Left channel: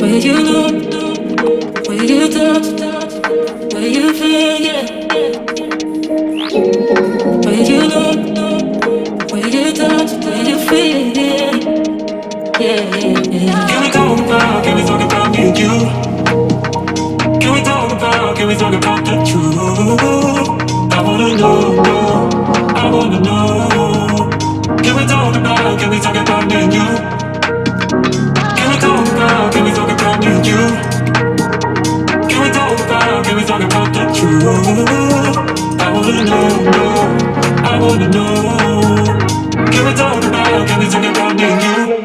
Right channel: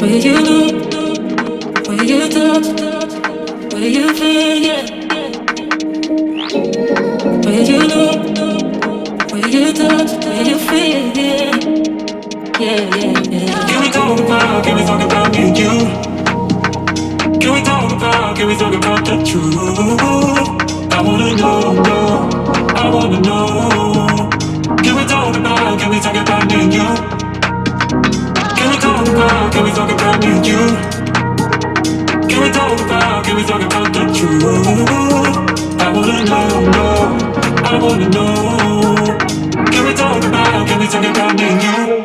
Where you look, where you touch, where you feel, yeah. Where you look, where you touch, where you feel, yeah. Yeah, yeah, yeah. Can we talk about me and you? Can we talk about the truth? I wanna know, I wanna know. Can we talk about me and you? Can we talk about me and you? Can we talk about the truth? I wanna know, I wanna know. Can we talk about me and you?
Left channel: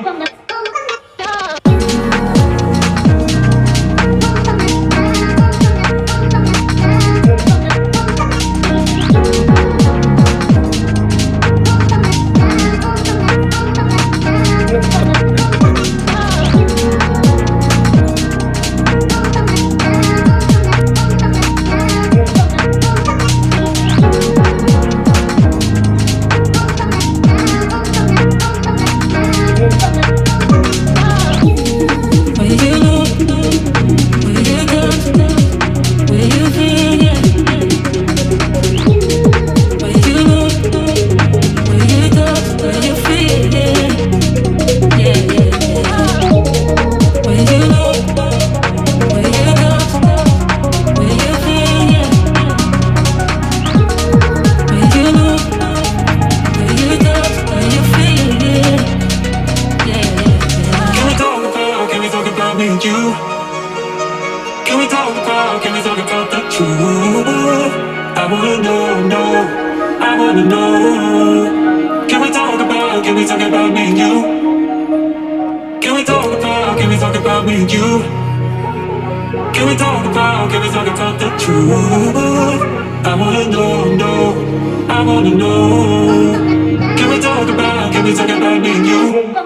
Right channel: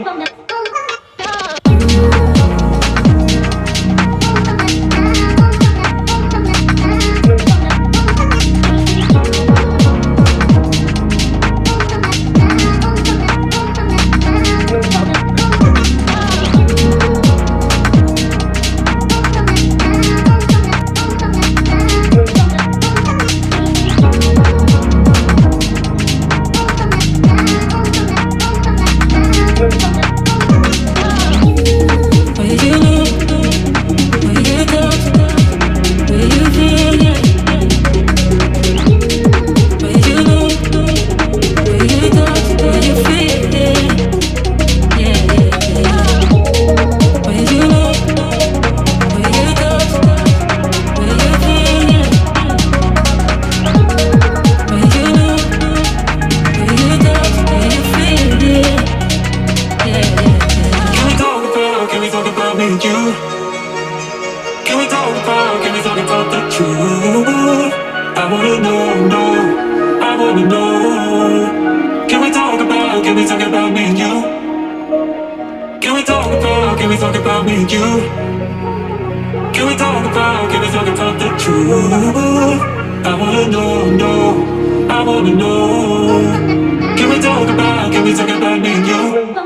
Can we talk about the truth? I wanna know, I wanna know. Can we talk about me and you? Can we talk about me and you? Can we talk about the truth? I wanna know, I wanna know. Can we talk about me and you?